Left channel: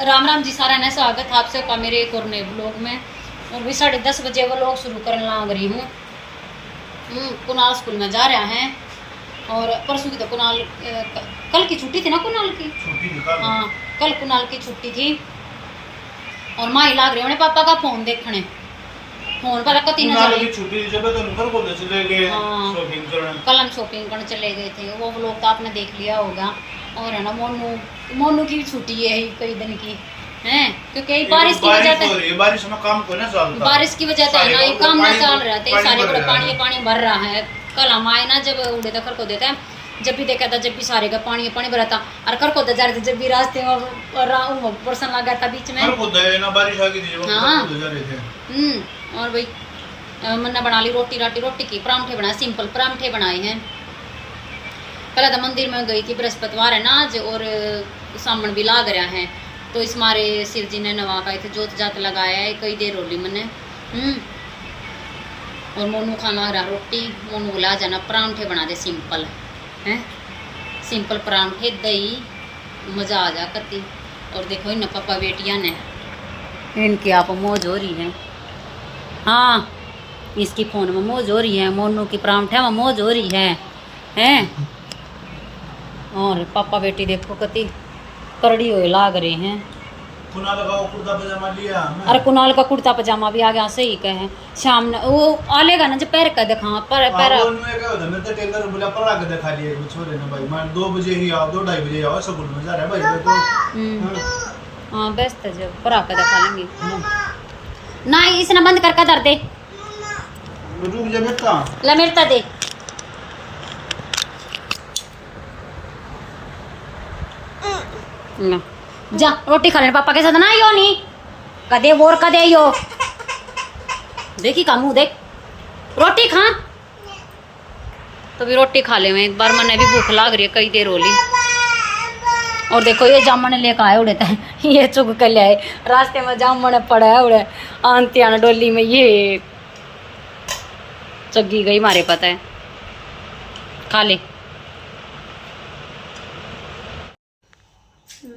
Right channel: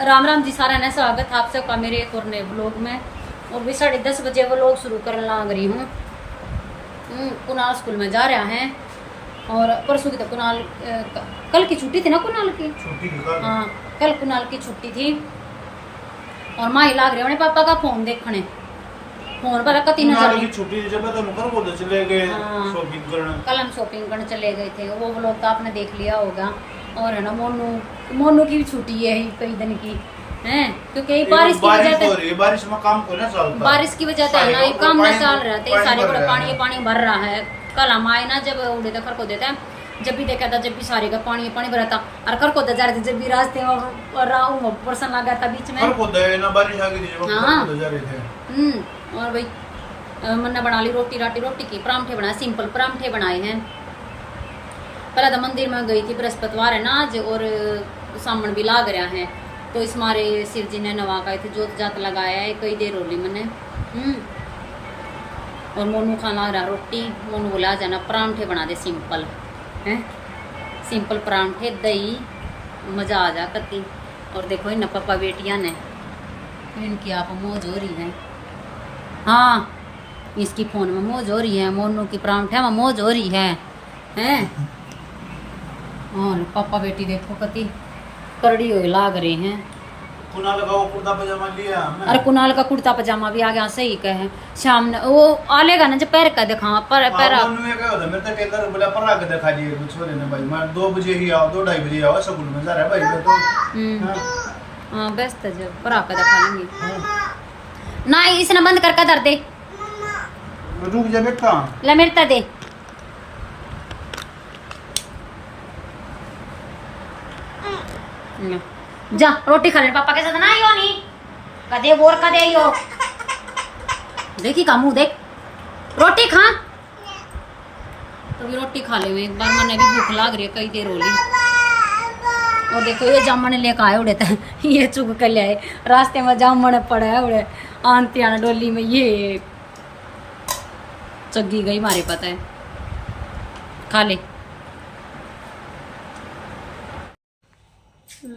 राम राम जी सारा ने स्वागत आप सबका मेरे एक और नए ब्लॉग में। और भी 10:30 बजे वो लोग शुरू करने लग रही हूँ। कुणाल स्कूल में जा रहा है और परसों की तो कुणाल कल की छुट्टी थी ना, कुणाल की हाँ कल कुणाल की छुट्टी थी। और माँ ही लाग रहे उन्हें पापा का फोन देखने, फोन पर कती न चली छुट्टी जब तो मुकर को चले गए शॉपिंग करने। कल हम शॉपिंग करने चले गए थे, वो व्लॉग तो आपने देख लिया होगा। और है ना मोनू की भी छुट्टी है कई दिन की हैं, क्योंकि बारिश की वजह से बारिश में काम को ना चलता, बारिश की वजह से है ना ये काम ना चल रहा था, सारे को पानी भर रहा है। कल हम आए ना जब उड़े तो खर को देते हैं, जब भी देखा था जब भी सारे का पानी भरा था और खर को जा रहे थे, जब भी रास्ते में बरसन लगा था बीच में ना बारिश आ गई थी। हाँ और भाई मैंने बना ली रोटी की परांठे बनाए, सिंपल परांठे बनाए हैं। पहले तो मंदिर में गई थी, बृहस्पतिवार है ना आज और सामन भी लाग रहा है, तो इस मारे शिव जी ने नवा का जोत जात लगाया है कई देर होली मैंने। और मोनू खाना रहा रोटी, मोनू बोला जाना परांठे बना दे सिंपल हैं, सिंपल परांठे दही मज़ा आ जा कती। और देखो इन पापा बेटियां ने इनकी आप मौज हो रही है। हाँ इसकी फ़ोन में मौज हो रही है, मोनू की परांठे में मौज हो रही है हैं। और पापा बेटी देखो कती करड़ी हुए लाग रहे हैं। कुणाल का कुर्ता पजामा लिया अरे कुणाल का कुर्ता पजामा भी आ गया, सही कहे शाम ने वो आ लेगा ना जब पैर का दिखा पर पैर मेरे तो टेलर बोला पर आगे दिखा दिए छोरे ने भाई, मैं 2 बजे ही आओ 2-2:30 बजे आओ स्कूल में जा रहा है भाई तो हाँ बेस्ट है जब पर आके दिखा लेंगे ना, इसने बंद करके दर दे रुक जा बेटा ले मेरे दे ना जा रोटी खा ले पापा के साथ ना यो नहीं कदे बोर कदे यो देखी का मुंह देख रोटी खा तो भी रोटी खा ले। मैं एक बार मैंने भी भूख लाग रही है कई देर होली। और देखो ये जामन लेकर आए उड़े था ये चुग कर ले आए रास्ते में जामन पड़ा है उड़े आंती आना डोली में ये चग्गी गई मारे पता है खा ले।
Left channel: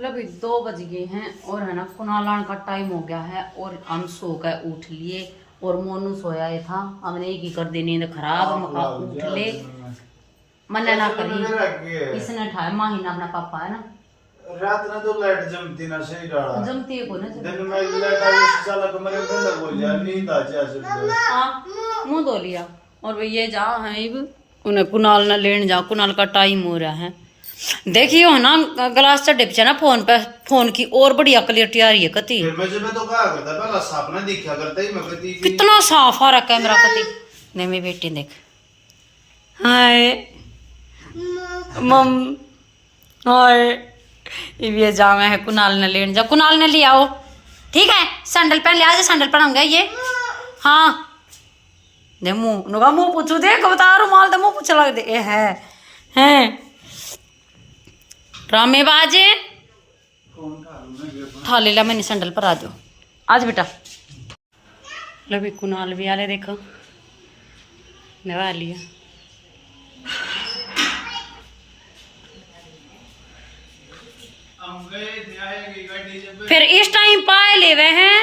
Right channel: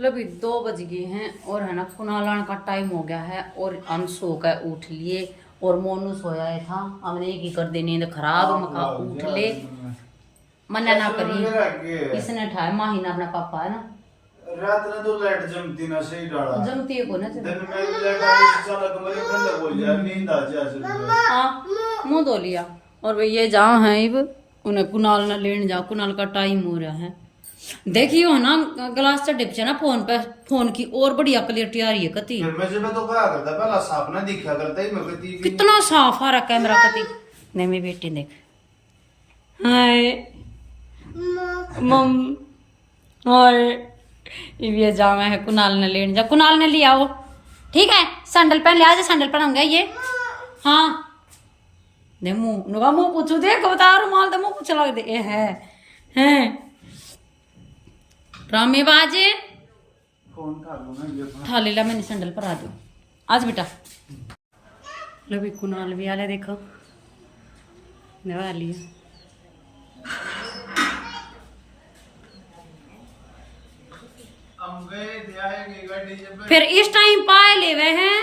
अभी 2 बज गए हैं और है ना कुनालान का टाइम हो गया है और हम सो गए उठ लिए। और मोनू सोया था, हमने एक ही कर दी नींद खराब, मका उठ ले मना ना करी इसने ठाए माही ना अपना पापा है ना रात में तो लाइट जमती ना सही डाला जमती है को ना दिन में लाइट आई चला कमरे में हो जा नींद आ जा सब। हां मुंह धो लिया। और भाई ये जहाँ है अब उन्हें कुनाल ना लेने जाओ, कुनाल का टाइम हो रहा है। देखियो ना ग्लास चढ़े पीछे ना फोन पे, फोन की और बढ़िया क्लियरिटी आ रही है कती। मैं तो कहा करता पहला साफ ना दिखा करता ही मैं कती कितना साफ आ रहा कैमरा कती। नहीं मेरी बेटी देख हाय मम हाय ये जावे है कुनाल ने लेने जा, कुनाल ने लिया आओ ठीक है सैंडल पहन लिया, सैंडल पहनाऊंगा ये हाँ दे मुँह नुका मुँह पूछू देख बता रुमाल तो मुँह पूछ लग दे हैं रामे बाजे ठा ले ला मैंने सैंडल पर आ जाओ आज बेटा लो भी कुनाल भी आले देखो नवा लिया। फिर इस टाइम पाए ले वे हैं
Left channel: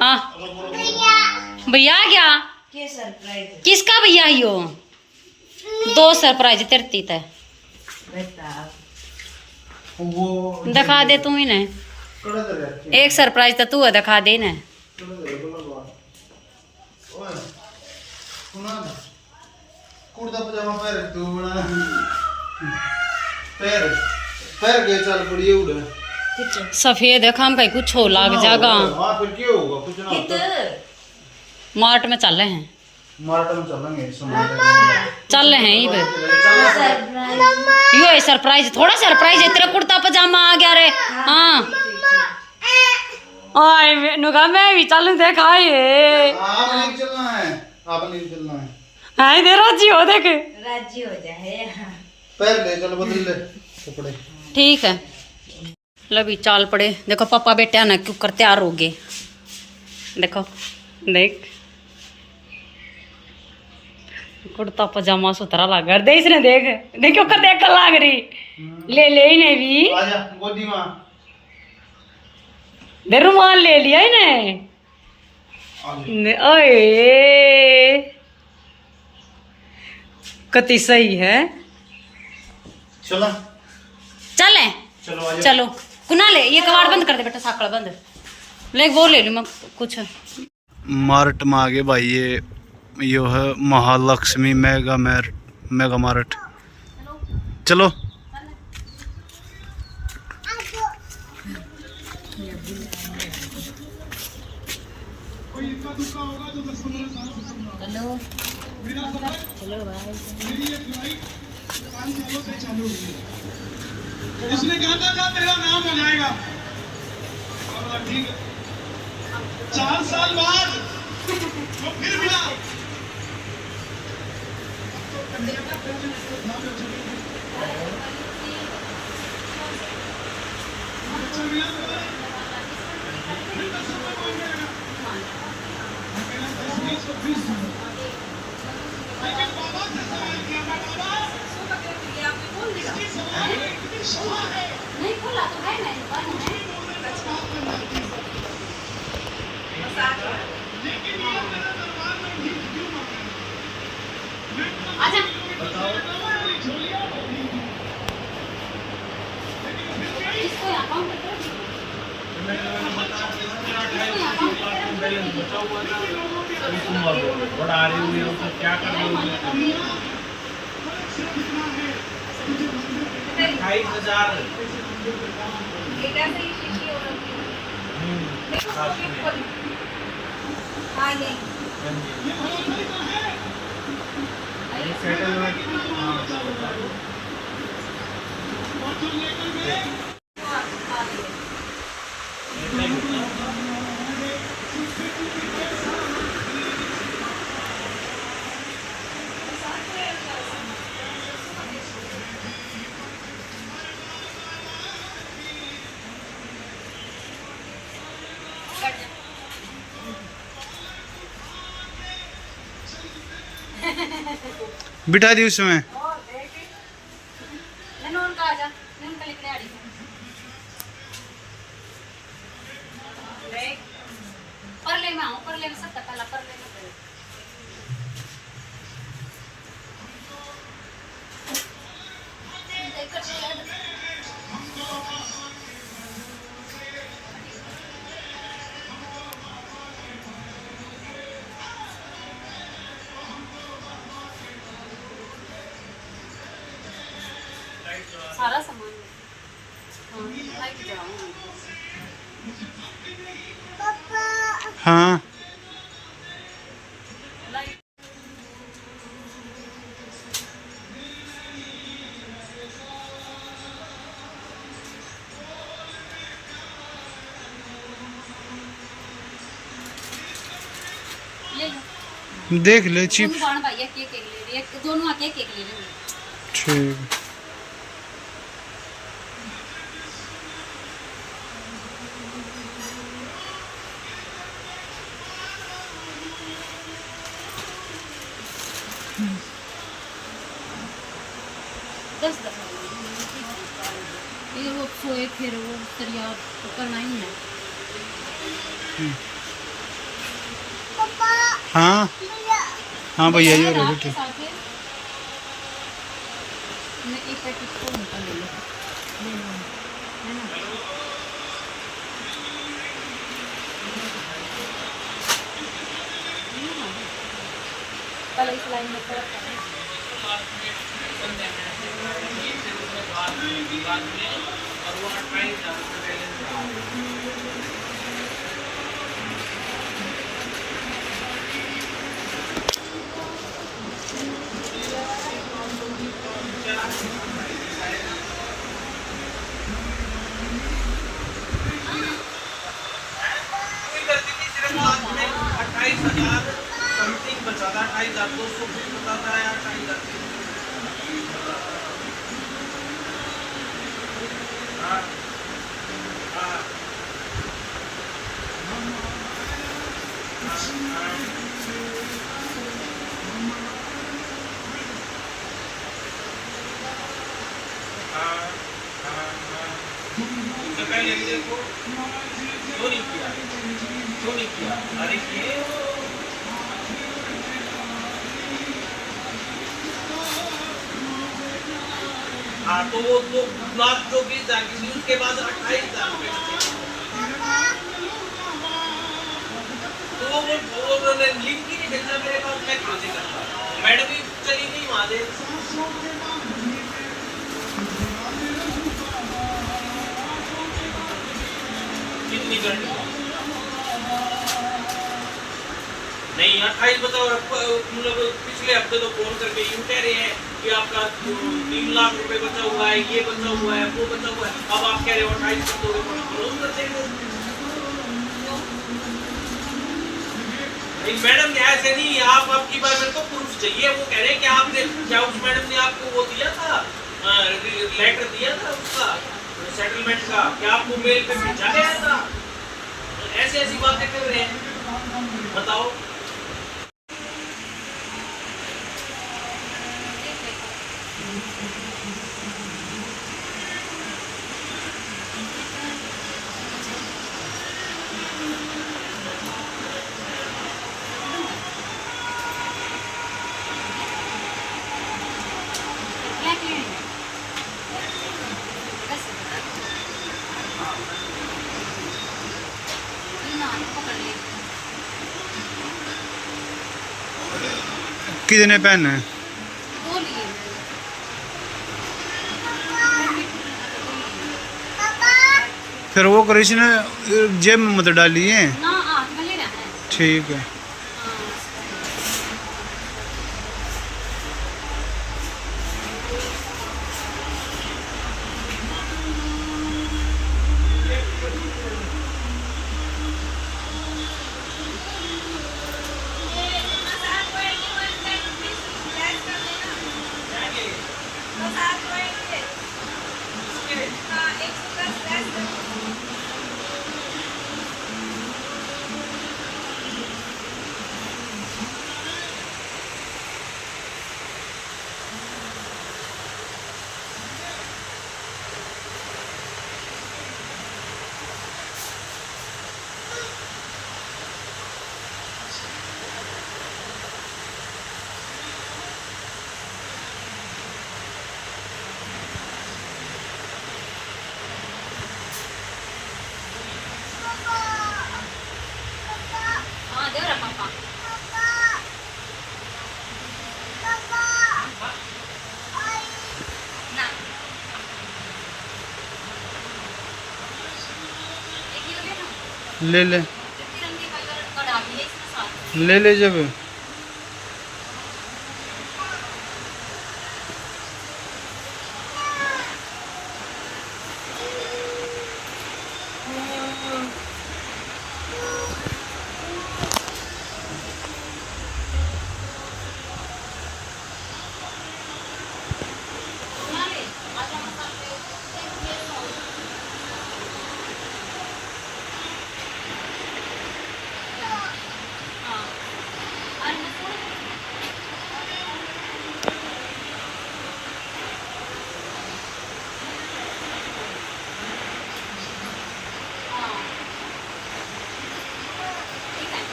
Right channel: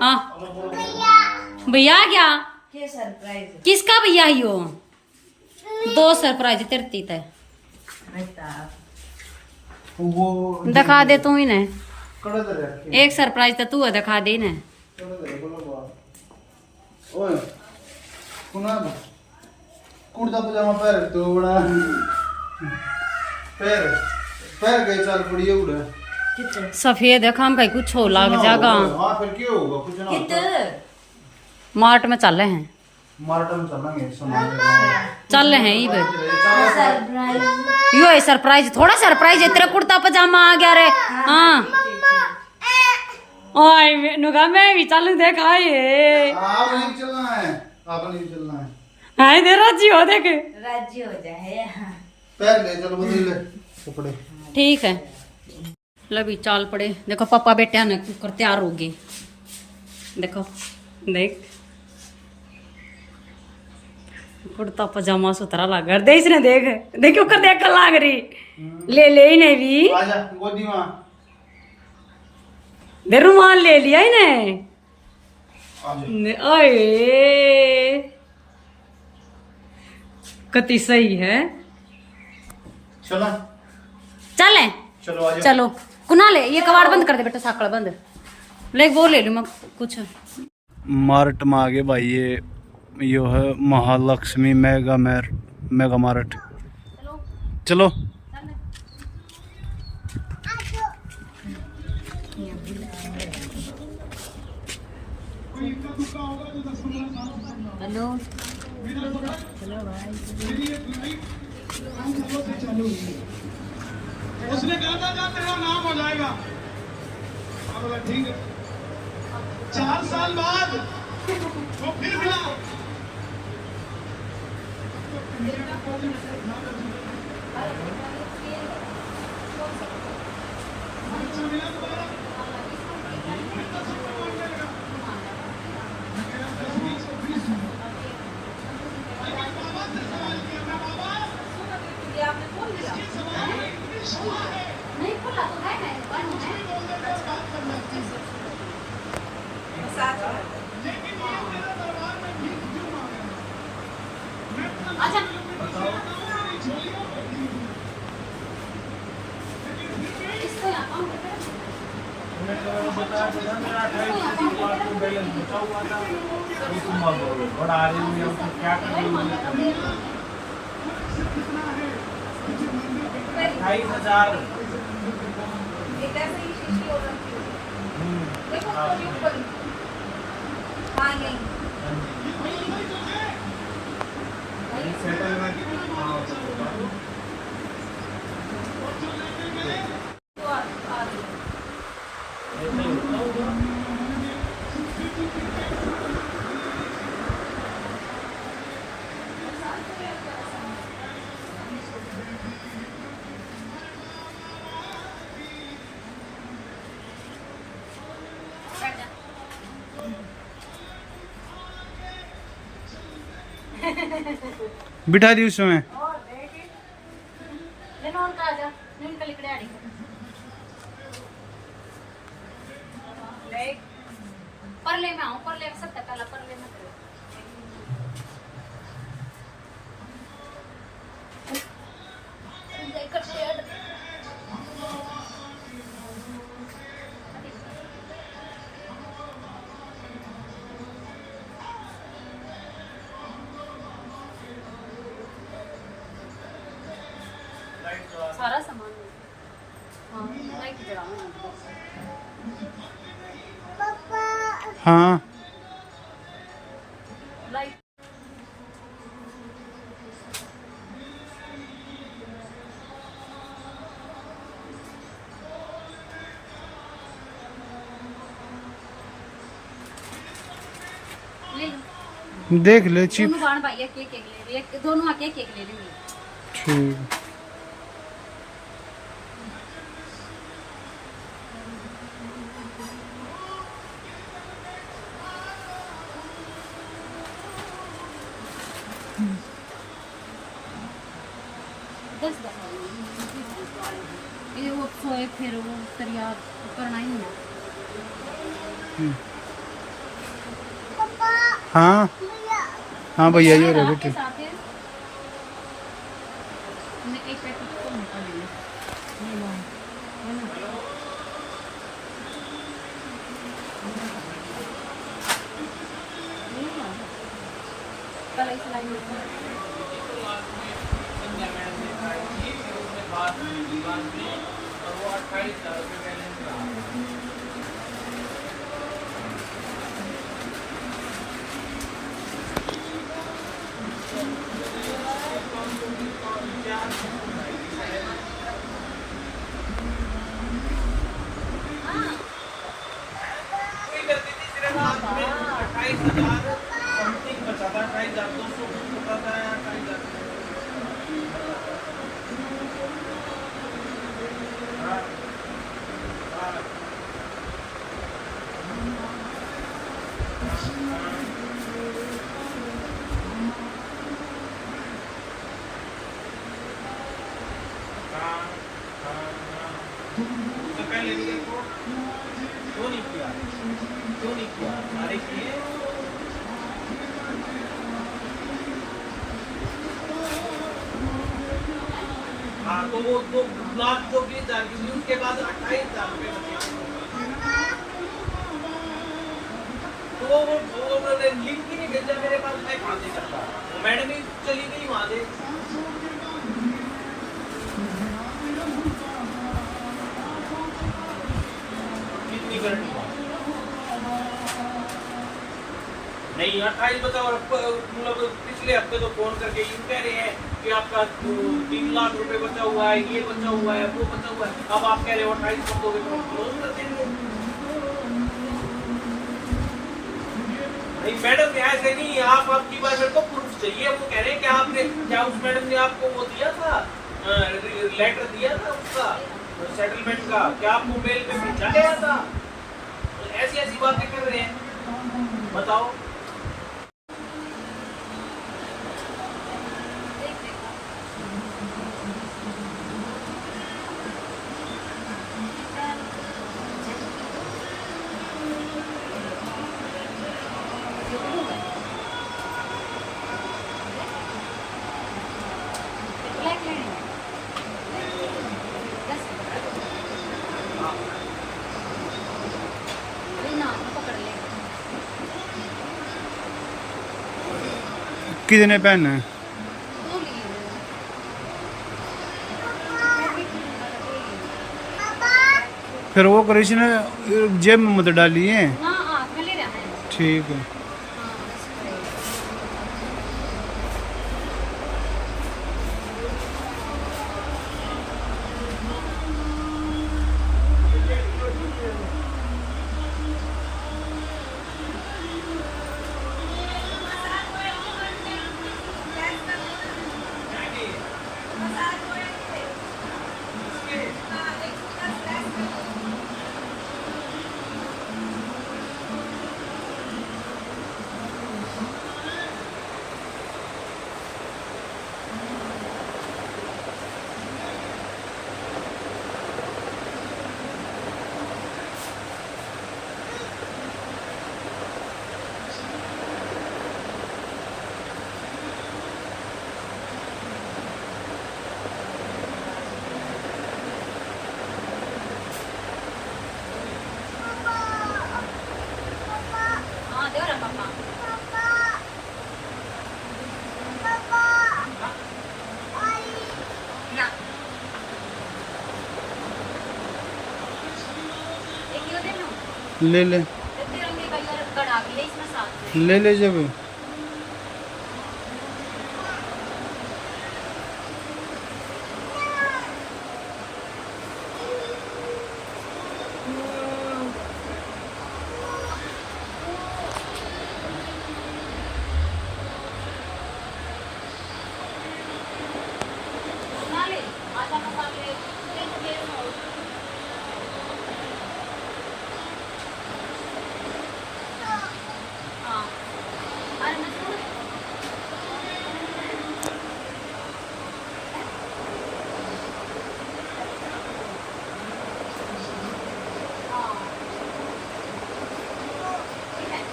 हाँ भैया क्या किसका भैया यो 2 सरप्राइज तेरती है दिखा दे तू ही ने एक सरप्राइज तो तू है दिखा दे ने कुर्ता पजामा पहन तू बना पैर गए चल पड़ी उड़ा सफेद है खाम कहीं कुछ हो लाग जागा। हां फिर क्या होगा कुछ ना मार्ट में चल रहे हैं, मार्ट में चलेंगे चल रहे हैं यो है सरप्राइज, थोड़ा सरप्राइज है तेरा कुर्ता पजामा आ गया रे। हाँ ओए नुका मैं भी चलूं देखा ये आप नहीं चलना है, आप नहीं चलना है हाय दे राजी हो देख राजी हो जाए पैर ले चलो बदल ले कपड़े ठीक है। लो भी चाल पड़े देखो पापा बेटे ना क्यों कर तैयार हो गए देखो देख कुर्ता पजामा सुथरा लग रहा दे इसने देख देखो कर देख कर लाग रही ले ले इन्हें भी, आजा गोदी मां दे रुमाल ले लिया इन्हें। ओए कति सही है। चला चले चलो आजा चलो कुना ले, ये कबाड़ बंद कर दे बेटा, साकड़ बंद ले, वो ले लूँ मैं कुछ। मार्ट में आगे भाई ये है महालक्ष्मी मेगा मार्ट। चलो हेलो चलो भाई। उसने कहा था तेरा नाम हो जाएगा, ठीक है। 4 साल बाद वो फिर मिला। नहीं खुला तो है ना, आजा इसको यहाँ काउंटर कर क्या कर रही हो? 28,000 बिठा दी उसमें। ले नॉन का आजा, नॉन का लिखड़े आड़ी देख पर ले मैं आऊं, पर ले मैं सब तकाला पर ले मैं देख कर शेड सारा सामान है। हाँ मैं की जगह हाँ ले लो देख ले चिप। दोनों बाण भाई एक एक ले ले, एक दोनों आके एक ले लेंगे। ठीक ये वो सोए फिर वो तरिया करना ही है। हाँ हाँ भैया जी रहे बेटे। एक पैकेट को निकाल ले लो, है ना? कल इस लाइन में समथिंग बचा था, 28,200 कुछ बताता है, 28,000 हाँ हाँ हाँ उससे पहले भी देखो, क्यों नहीं किया, क्यों नहीं किया, अरे किए। हाँ तो वो 2 लाख जो 20,000 की थी, उसके बाद 28,000 रुपए बचे। तो वो उन्होंने लिंक ही नहीं भेजा मेरे पास, मैं कहाँ से करता। मैडम ही चली गई वहां से। कितनी करनी है? नहीं 28 बचा, और मतलब पिछले हफ्ते तो फोन करके यूं कह रहे हैं कि आपका 3 लाख रुपए बचा हुआ है, ये बचा हुआ है, वो बचा हुआ है। अब आप कह रहे हो 28 कर दोगे तो क्लोज कर देंगे। मैडम ऐसे नहीं, आप आपकी बार मेरे को प्रूफ चाहिए। वो कह रहे हैं कि आपने क्या उस मैडम ने आपको वो दिया था, लेटर दिया था उसका सेटलमेंट का, क्या आपको मेल पे भेजा गया था? तो ऐसी ऐसी बातें कर रहे हैं, बताओ। कितने पेन है? 2 लिए मैंने। फिर वो करिश ने जेब में मत डालिए। ना हाथ में ले रहा है। ठीक है। हाँ दे रहा पापा। ना एक ये ले लो। ले ले तिरंगे कलर कढ़ा भी है इसमें साथ में। ले ले जब ना ले आजा मसाले ले लो। हाँ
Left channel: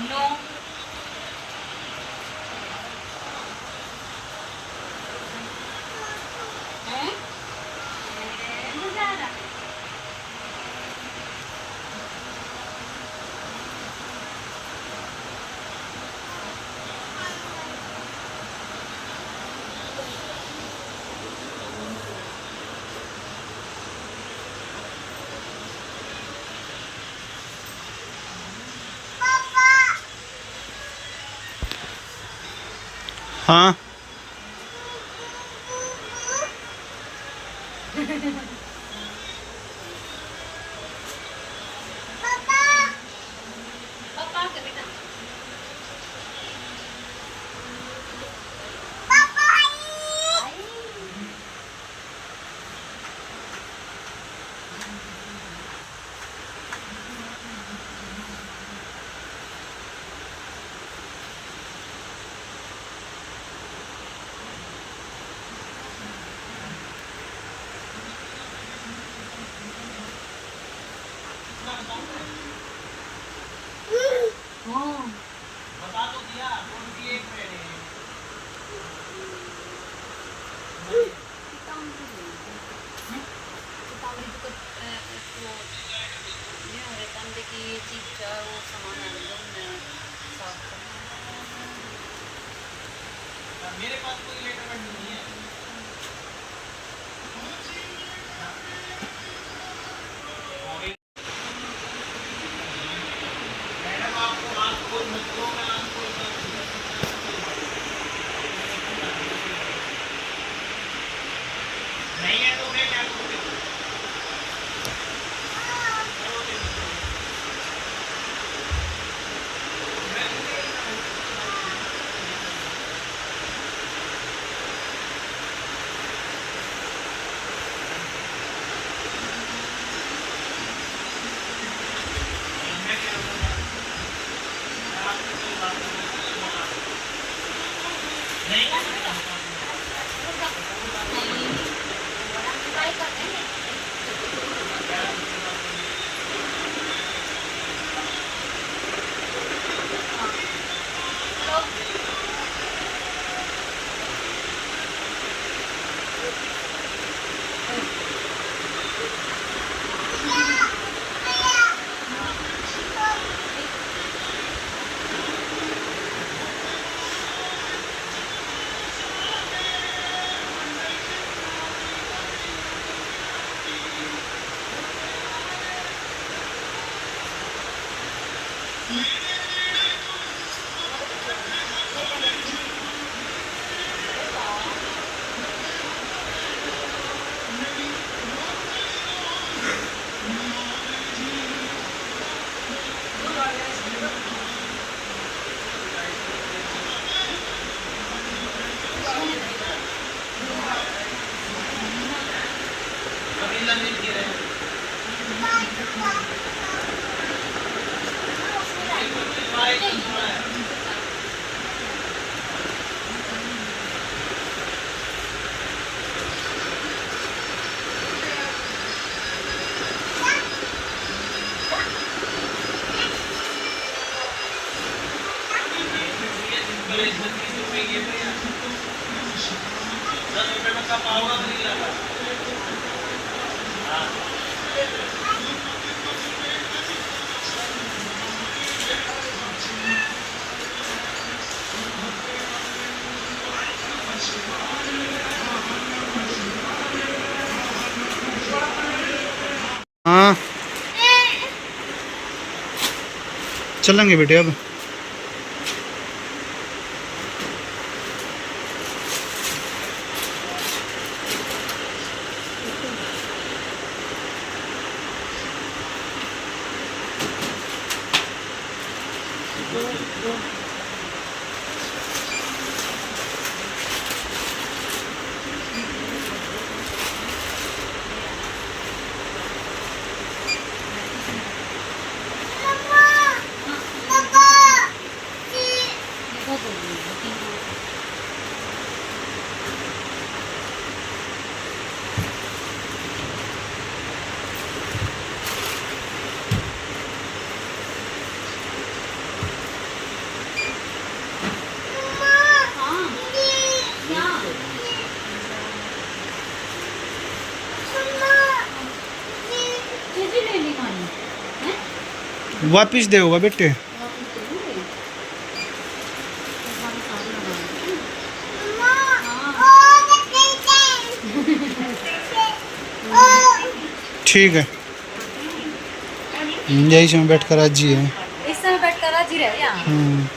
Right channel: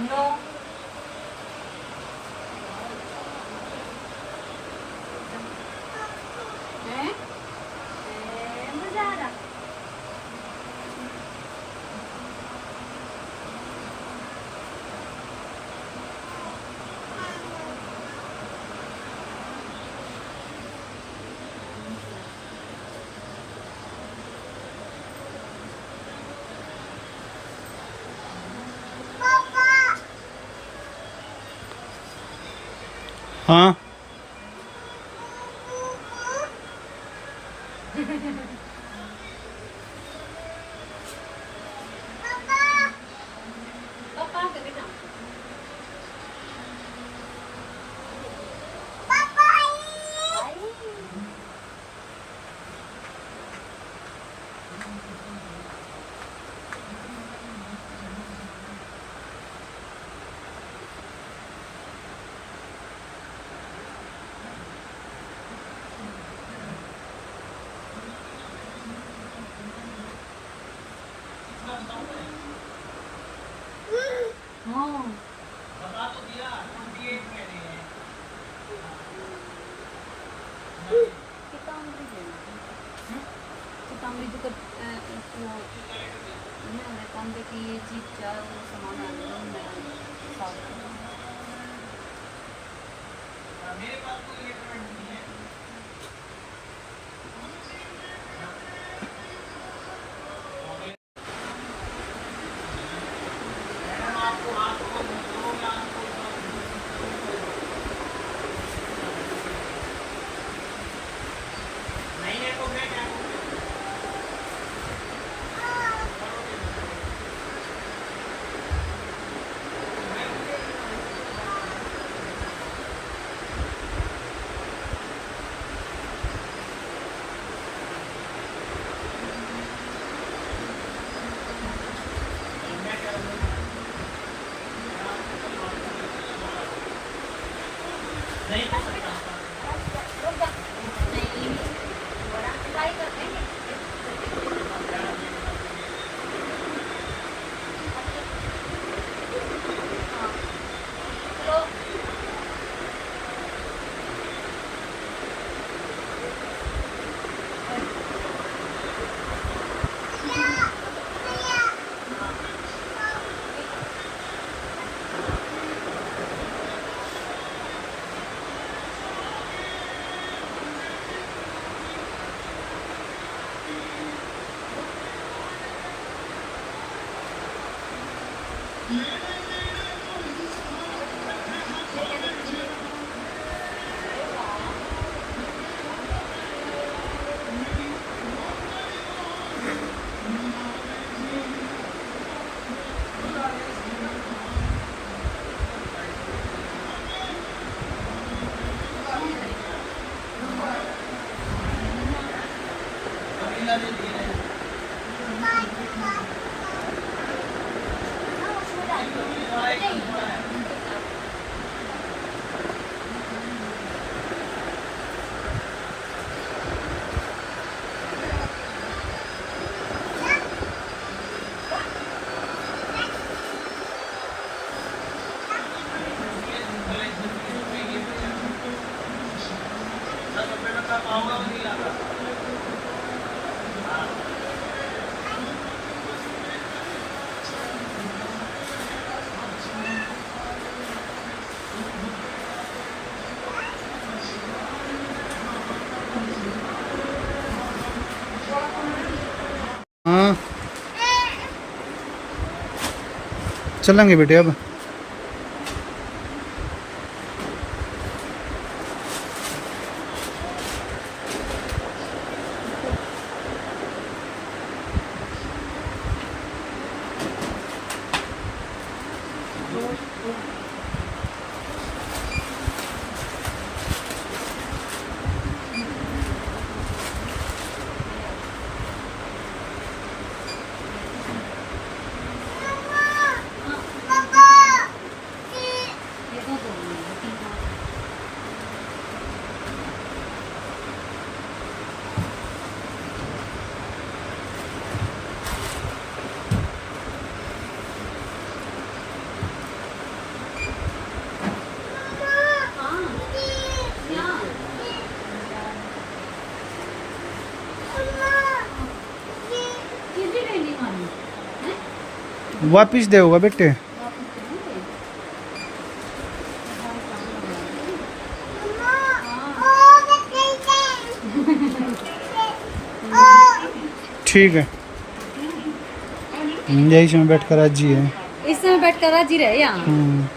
नो हाँ पापा के बेटा हाँ बता तो दिया कौन सी एक मैंने Kita ambil juga itu ini mereka bagi cica sama nalon dalam saus. मेरे पास कोई लेटर नहीं है मैडम आपको आपको मित्रों में आपको नहीं है तो मैं क्या करूं मैं क्या करूं आपसे कल बात करूंगा नहीं ट्राई करते हैं तो हाँ चलेंगे बेटे अब वापिस दे होगा बेटे। ठीक है, यही से बैठ कर आज ही है, इससे बैठ कर आज ही रहे यहाँ।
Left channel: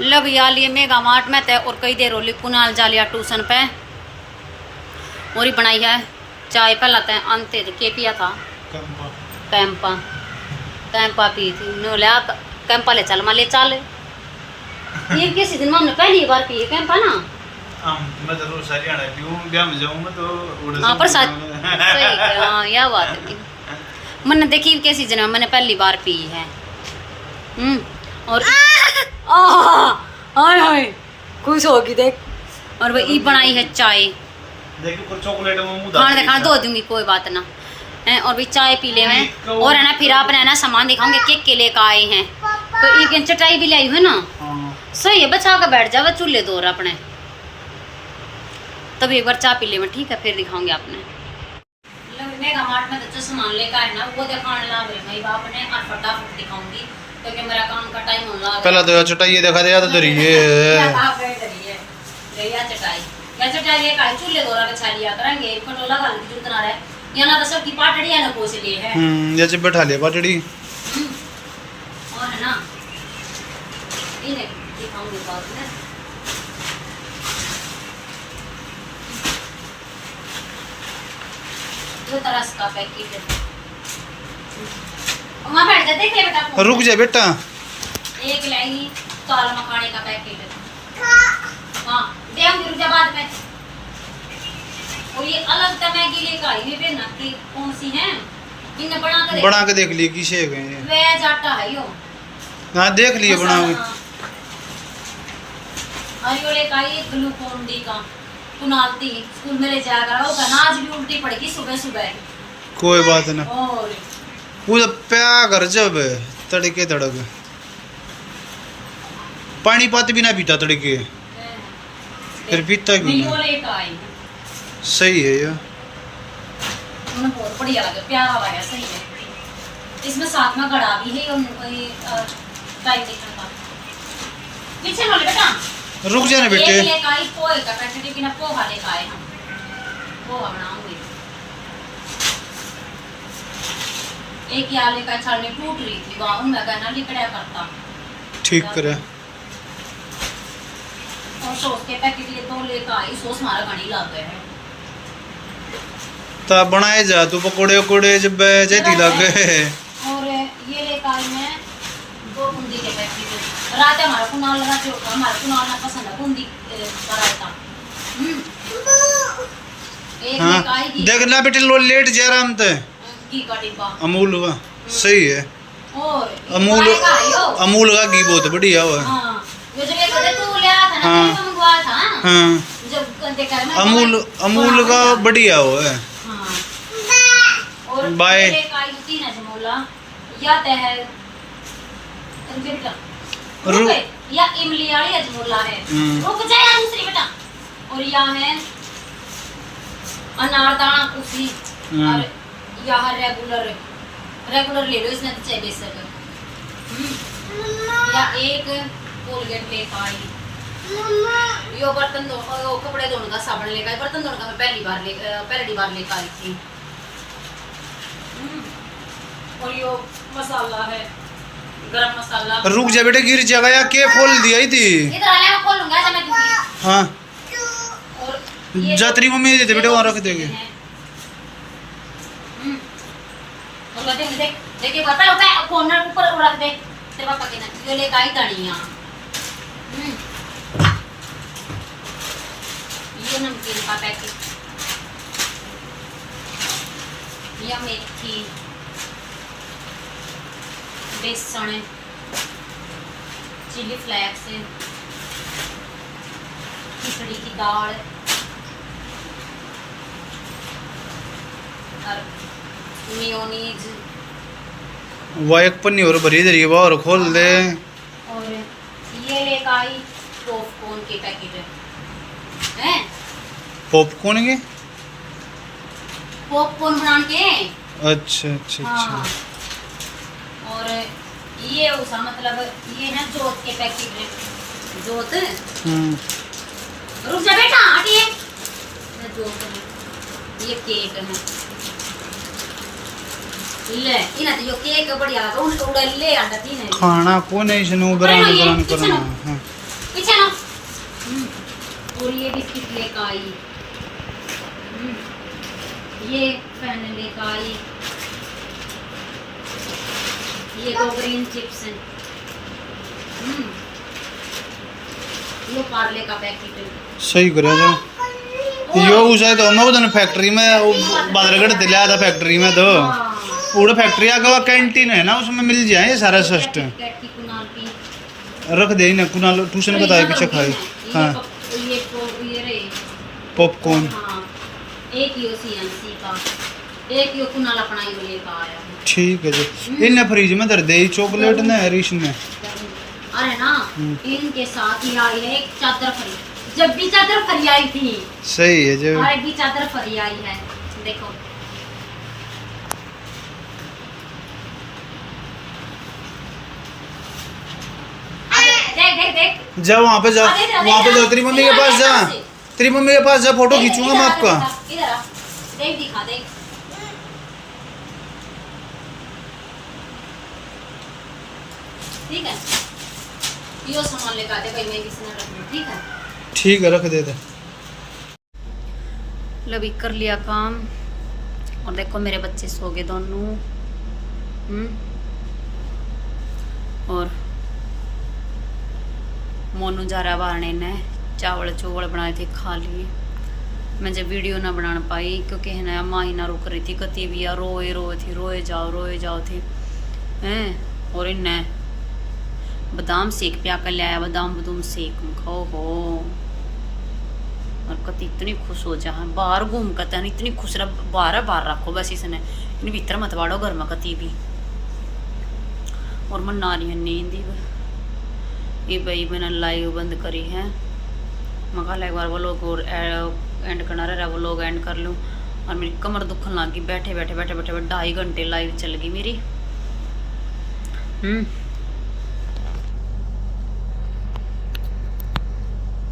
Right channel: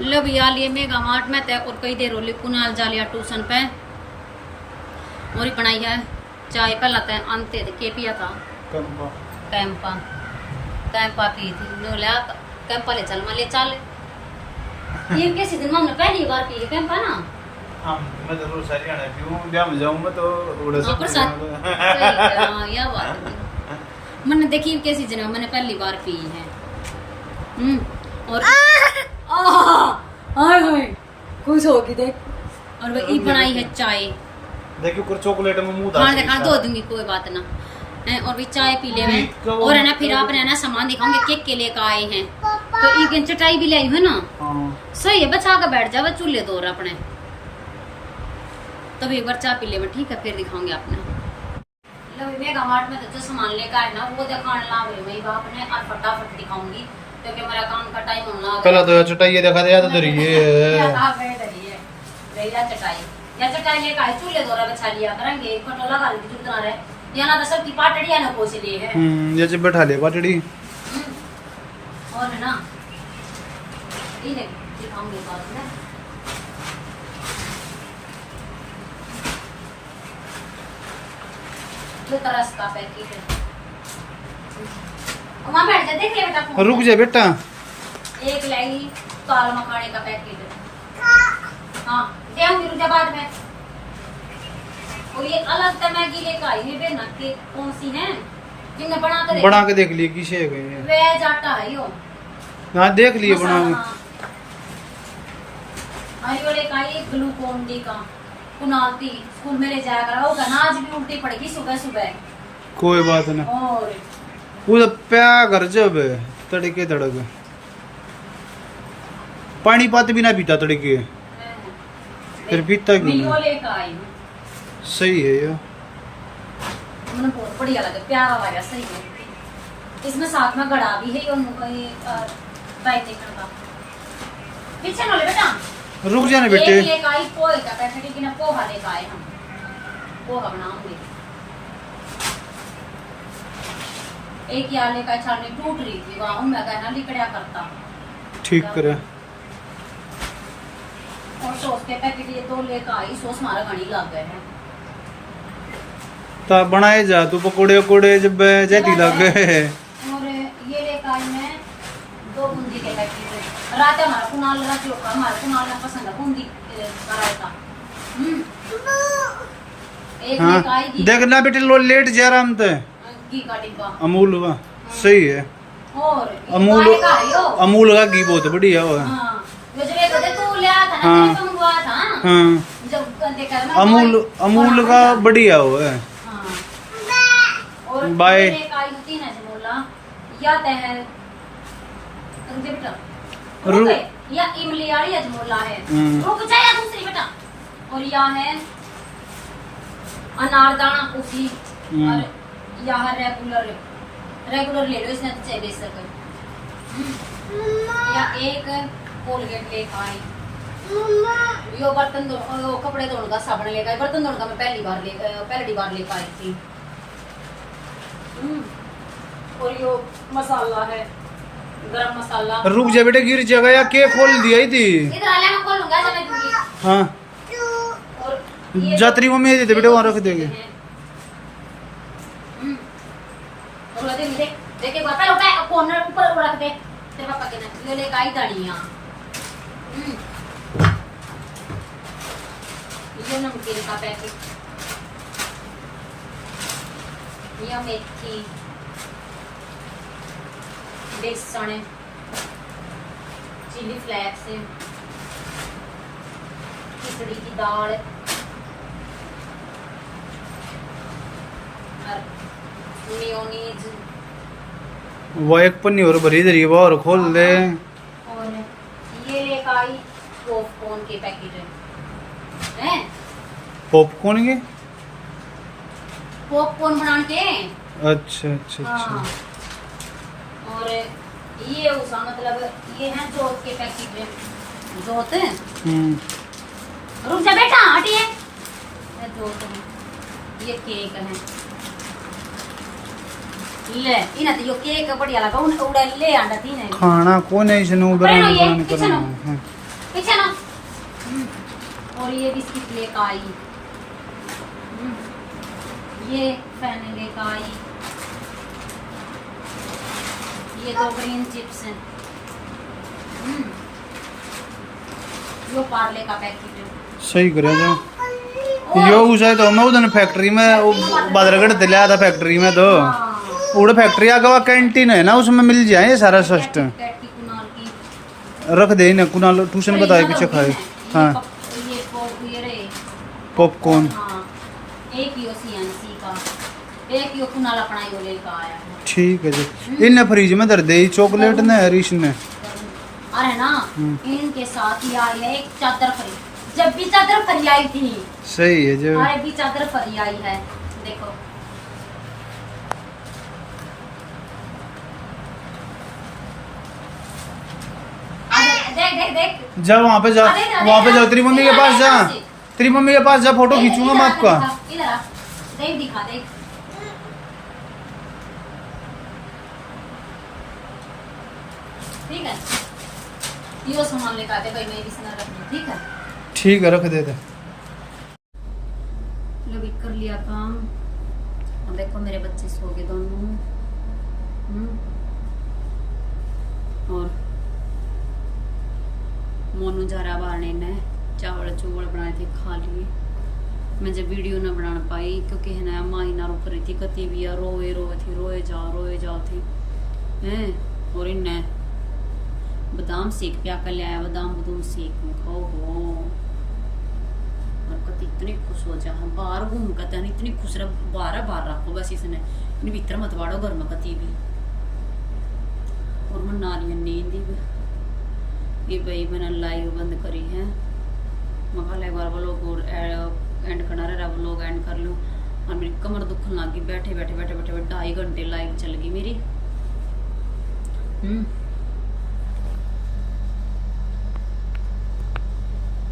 लो भैया लिए मेगा मार्ट में थे और कई देर होली कुनाल जा लिया ट्यूशन पे और ही बनाई है चाय। पहला तय अंते थे के पिया था कैंपा कैंपा पी थी नो लिया कैंपा ले चल ले चल ये किसी दिन हमने पहली बार पी कैंपा ना। मैं तो रोज हरियाणा पीऊं, ब्याह में जाऊंगा तो उड़े हाँ पर साथ सही हाँ यह बात है। मैंने देखी के सीजन में मैंने पहली बार पी है। और हाय हाय खुश होगी देख। और वो ई बनाई है चाय, देखिए पर चॉकलेट में मुंह खाना दिखा दो दूंगी कोई बात ना है। और भी चाय पी ले मैं और है ना फिर आपने है ना सामान दिखाऊंगे केक के लेकर आए हैं तो एक चटाई भी लाई है ना। सही है बचा कर बैठ जावा चूल्हे दो अपने तब एक बार चाय पी ले मैं ठीक है फिर दिखाऊंगे आपने। मेगा मार्ट में जो सामान लेकर आए ना वो दिखाने लाग रही भाई बाप ने और फटाफट दिखाऊंगी क्योंकि मेरा काम का टाइम होना है। पहला तो चटाई दिखा दे या तो धरिए या चटाई लेकर आए चूल्हे दोरा बिछा लिया करेंगे खटोला गाल की जरूरत ना रहे या ना तो सबकी पाटड़ी है ना कोई से लिए है जैसे बैठा लिया पाटड़ी और है ना इन्हें दिखाऊंगी बाद में। जो तरस का पैकेट है वहाँ बैठ जा देख ले बेटा रुक जा बेटा। एक लाई काला मखाने का पैकेट हाँ देंगे रुक जा बाद में। और ये अलग तो मैगी लेकर आई है ना कि कौन सी है इन्हें बना के देख लिए किसे गए वेज आटा है यो हाँ देख लिए बना के हरियो लेकर आई ग्लूकोन डी का कुनालती स्कूल में ले जाकर वो कहना आज भी उल्टी पड़ेगी सुबह सुबह। कोई बात ना और वो प्या कर जब तड़के तड़क पानी पात भी ना पीता तड़के फिर पीता क्यों वीडियो लेकर आई सही है ये मुझे बहुत बढ़िया लगा प्यारा लगा सही है। इसमें साथ में गड़ा भी है और वाइब्रेशन का पीछे वाले बेटा रुक जाने बेटे। एक लेकर आई पोहे का पैकेट की ना पोहा लेकर आए हम पोहा बनाऊंगी। एक याले का छालनी टूट रही थी वहाँ उनका कहना लिकड़ा करता ठीक करे और सॉस के पैकेट ये दो लेकर आई सॉस हमारा घनी लग गए हैं ता बनाए जा तू पकोड़े वकोड़े जब जैती लग गए। और ये लेकर आई मैं 2 बूंदी के पैकेट रात हमारा कुनाल ना पसंद है बूंदी पराठा। एक हाँ लेकर आई देख ना बेटे लो लेट जा रहा हम तो घी का डिब्बा अमूल का सही है और अमूल का घी बहुत बढ़िया हुआ हाँ जो तू ले आया था ना हाँ तो मंगवाया था हाँ जब देखा मैं अमूल का बढ़िया हुआ है। और बाय एक आई तीन अजमोला या है रुके बेटा रुक या इमली वाली अजमोला है रुक जा या दूसरी बेटा। और या है अनारदाना कुफी और यहाँ रेगुलर ले लो इसमें तो चाहिए बेशक या एक कोलगेट लेकर आई यो बर्तन धो कपड़े धोने का साबुन लेकर आई बर्तन धोने का मैं पहली बार लेकर आई थी। और यो मसाला है गरम मसाला रुक जा बेटे गिर जाएगा या के खोल दिया थी इधर आले मैं खोलूंगा जब मैं दूंगी हाँ और जातरी मम्मी दे बेटे वहाँ रख देंगे और देखिए पता होगा कॉर्नर ऊपर रख दे तेरे पापा के ना ये लेकर आई धनिया ये नमकीन का पैकेट या मेथी बेसन चिली फ्लेक्स, खिचड़ी की दाल और मेयोनीज वो एक पन्नी और भरी धरी वो और खोल दे। और ये लेकर आई पॉपकॉर्न के पैकेट हैं, पॉपकॉर्न के? पॉपकॉर्न बना के। अच्छा अच्छा हाँ। अच्छा। और ये उसका मतलब ये है जोत के पैकेट, जोत। रुक जा बेटा, हटिए। ये जोत, ये केक है ले, इना तो यो केक बढ़िया लगा, उन उड़ा ले आंदा थी ने खाना कौन है इसने उबरान उबरान करना है। पीछे ना। और ये बिस्किट लेकर आई, ये फैन लेकर आई, ये 2 ग्रीन चिप्स हैं, यो पार्ले का पैकेट। सही करे जो यो उसे तो मैं उधर फैक्ट्री में बादरगढ़ से लिया था, फैक्ट्री में तो उड़ फैक्ट्री आगे वो कैंटीन है ना, उसमें मिल जाए ये सारा सिस्टम। रख दे ना कुनाल ट्यूशन बताए पीछे खाए। हाँ पॉपकॉर्न। हाँ, एक यो CNC का, एक यो कुनाल अपना यो लेकर आया है। ठीक है जी। इन्हें फ्रिज में धर दे चॉकलेट ने हरीश ने। अरे ना, इनके साथ ही आई है एक चादर फ्री, जब भी चादर फ्री आई थी। सही है जो। अरे भी चादर फ्री आई है, देखो। देख देख देख, जा वहाँ पे जा, वहाँ पे जाओ, तेरी मम्मी के पास जा, तेरी मम्मी के पास जा, फोटो खींचूंगा मैं आपका। इधर आ, देख दिखा देख। ठीक है, यो सामान लेकर आते भाई, मैं किसी ना रख दूं, ठीक है? ठीक है रख देते। लो भी कर लिया काम, और देखो मेरे बच्चे सो गए दोनों। और मोनू जा रहा बारने ने चावल चूवल बनाए थे, खा लिए। मैं जब वीडियो ना बना पाई क्योंकि है ना माँ ही ना रुक रही थी, कती भी यार रोए रोए जाओ थे हैं। और इन्हें बादाम सेक पिया कर लिया, बादाम सेक खाओ हो। और कती इतनी खुश हो जा, बाहर घूम कर इतनी खुश रह, बाहर रखो बस इसने, इन भीतर मत वाड़ो घर में कती भी। और मन नारी नींद ये भाई मैंने लाइव बंद करी है, मगा एक बार वो लोग और एंड करना रहा, वो लोग एंड कर लूँ। और मेरी कमर दुखन लग गई, बैठे 2.5 घंटे लाइव चल गई मेरी।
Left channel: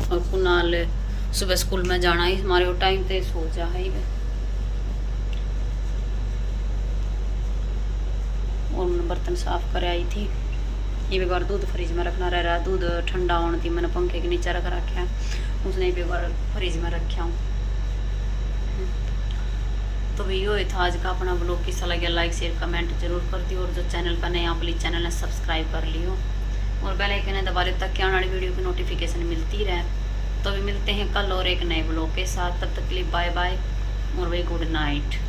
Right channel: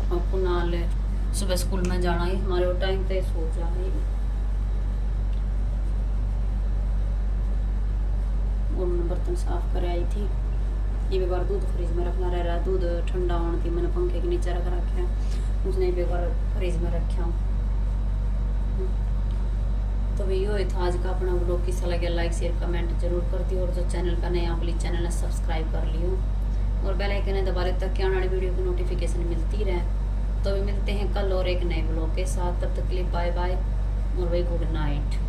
और कुनाल सुबह स्कूल में जाना ही हमारे वो टाइम पे सो जा है। और मैंने बर्तन साफ कर आई थी। ये भी बार दूध फ्रिज में रखना रह रहा, दूध ठंडा होने थी, मैंने पंखे के नीचे रख रखा है, उसने भी बार फ्रिज में रखा हूँ। तो भी यो था आज का अपना ब्लॉग। किसा लगे लाइक शेयर कमेंट जरूर कर दियो, और जो चैनल पर नया प्लीज चैनल ने सब्सक्राइब कर लियो, और बेल आइकन दबा ले ताकि आने वाली वीडियो की नोटिफिकेशन मिलती रहे। तो भी मिलते हैं कल और एक नए ब्लॉग के साथ, तब तक के लिए बाय बाय और भाई गुड नाइट।